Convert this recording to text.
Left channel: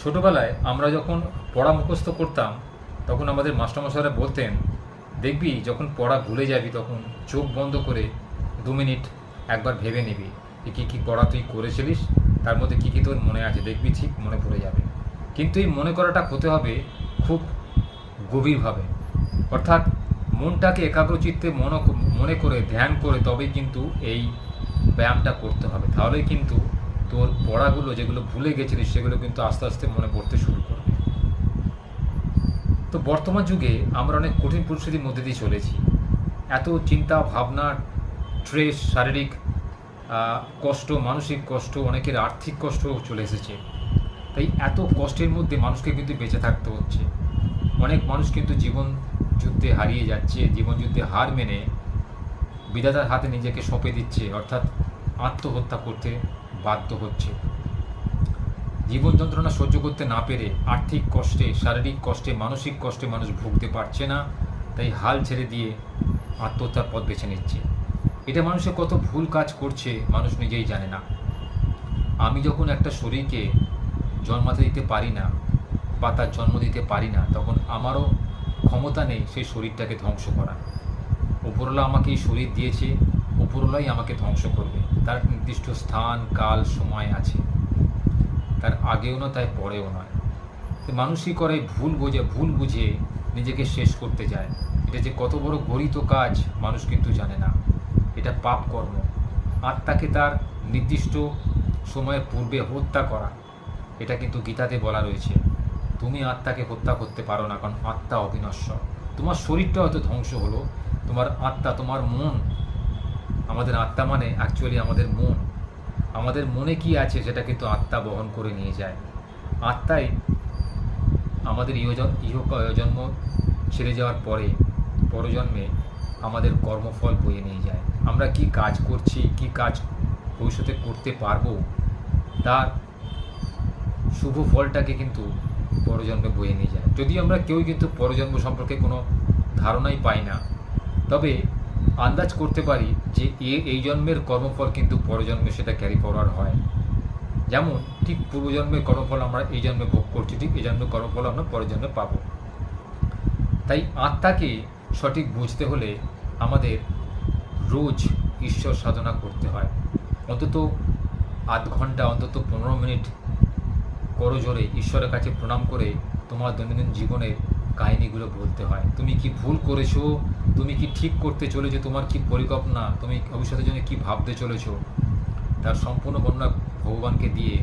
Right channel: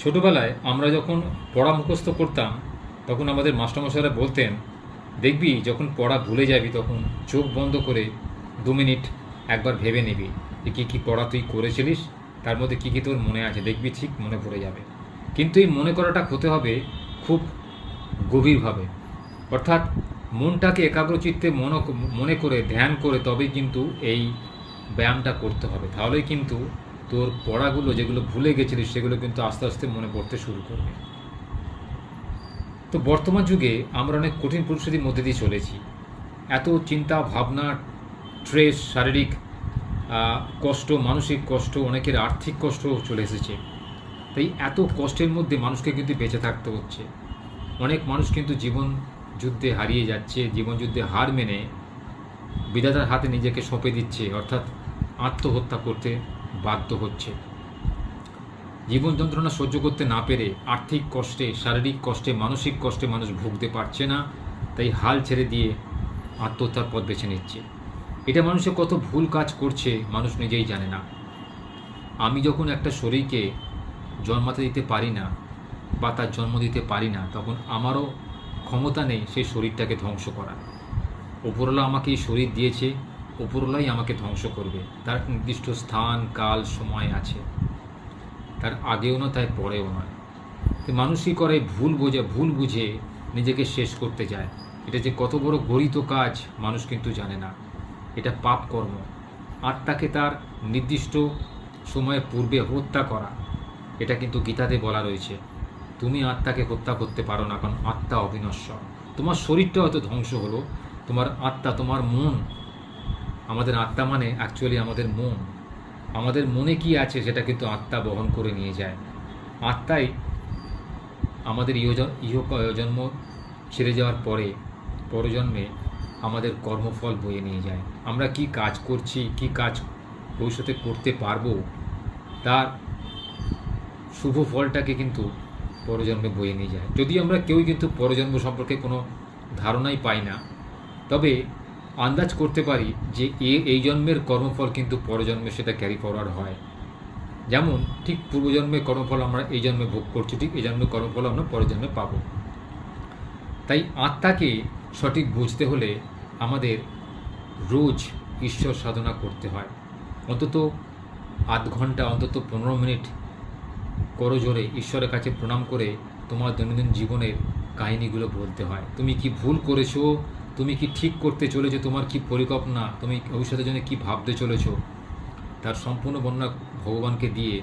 ছোটবেলায় আমরা যখন পড়া মুখস্থ করতাম তখন আমাদের মাস্টারমশাইরা বলতেন, দেখবি যখন পড়া ভুলে যাবি তখন চোখ বন্ধ করে 2 মিনিট একবার ভেবে নিবি যে কী কী পড়া তুই করেছিলিস, তার মধ্যে কী কী তোর মনে আছে, দেখবি ঠিক মনে পড়ে যাবে। কিন্তু এই মনে করাটা হতে হবে খুব গভীরভাবে, অর্থাৎ মনটাকে একাগ্রচিত্তে মনে করে ধ্যান করে তবেই কিন্তু এই ব্যায়ামটা করতে হবে। তাহলেই কিন্তু তোর পড়াগুলো যেগুলো ভুলে গেছিলিস সেগুলো কিন্তু আস্তে আস্তে মনে পড়তে শুরু করবে। তো বর্তমান যুগে আমরা অনেক কঠিন পরিস্থিতির মধ্যে দিয়ে চলেছি। এত চিন্তা ভাবনা, স্ট্রেস, শারীরিক কষ্ট, মানসিক কষ্ট, অনেকের আর্থিক কষ্ট চলে এসেছে। তাই এত কষ্টের মধ্যে মানুষকে কিন্তু বেঁচে থাকতে হচ্ছে। অনেক মানুষ কিন্তু জীবন যুদ্ধে হারিয়ে যাচ্ছে, জীবন যুদ্ধে হার মেনে বিধাতার হাতে নিজেকে সঁপে দিচ্ছে, অর্থাৎ আত্মহত্যা করতে বাধ্য হচ্ছে। জীবন যন্ত্রণা সহ্য করতে না পেরে আর্থিক কষ্টে, শারীরিক কষ্টে, মানসিক কষ্টে মানুষ ভুগতে পারছে না, তাই হাল ছেড়ে দিয়ে আত্মহত্যার পথ বেছে নিচ্ছে। এটা মানুষের কত ভুল কাজ করছে মানুষ নিজেই জানে না। আমি যখন একটা শরীরকে জন্মাতে দিতে পারি না বা তার জন্ম দিতে পারি না, তখন আমারও ক্ষমতা নেই সেই শরীরটাকে ধ্বংস করা। উপরওয়ালা আমাকে এই শরীর দিয়েছে, উপরওয়ালাই আমাকে ধ্বংস করবে। তার নির্দিষ্ট স্থান, কাল, সময় আছে, তার আগেও নয় তাই পরেও নয়। তো মানুষই করে ভুল বুঝে নিজেকে শেষ করতে যায়। এটা যে কত বড় গরিত কাজ মানুষ কিন্তু জানে না। এটা পাপ কর্ম। আত্মাকে তার নির্দিষ্ট সময়ের পূর্বে হত্যা করা, এটা কিন্তু গীতাতে বলা রয়েছে। তুমি আত্মাকে হত্যা করতে পারো না, কারণ আত্মা অবিনশ্বর। তোমার শরীরটা হয়তো ধ্বংস হলো, তোমার আত্মা, তোমার মন, আমাদের আত্মা মানে অ্যাকচুয়ালি আমাদের মন, আমাদের মনে কি আছে সেটা কিন্তু আত্মা বহন করে নিয়ে যায়। আত্মাই আমাদের জন্ম ছেড়ে যাওয়ার পরে পরজন্মে আমাদের কর্মফল বয়ে নিয়ে যায়। আমরা কি কাজ করছি, কি কাজ ভবিষ্যতে করতে পারবো, তার শুভ ফলটাকে কিন্তু পরজন্মে বয়ে নিয়ে যায়। যদিও আমরা কেউই কিন্তু পরজন্ম সম্পর্কে কোনো ধারণাই পাই না, তবে আন্দাজ করতে পারি যে এই জন্মের কর্মফল কিন্তু পরজন্মে সেটা ক্যারি ফরওয়ার্ড হয়। যেমন ঠিক পূর্বজন্মের কর্মফল আমরা এই জন্মে ভোগ করছি, ঠিক এই জন্মের কর্মফল আমরা পরের জন্মে পাব। তাই আত্মাকে সঠিক বুঝতে হলে আমাদের রোজ ঈশ্বর সাধনা করতে হয়। অন্তত আধ ঘন্টা, অন্তত 15 মিনিট করজোরে ঈশ্বরের কাছে প্রণাম করে তোমার দৈনন্দিন জীবনের কাহিনীগুলো বলতে হয়। তুমি কি ভুল করেছো, তুমি কি ঠিক করতে চলেছো, তোমার কি পরিকল্পনা, তুমি ভবিষ্যতের জন্য কি ভাবতে চলেছো, তার সম্পূর্ণ বর্ণনা ভগবানকে দিয়ে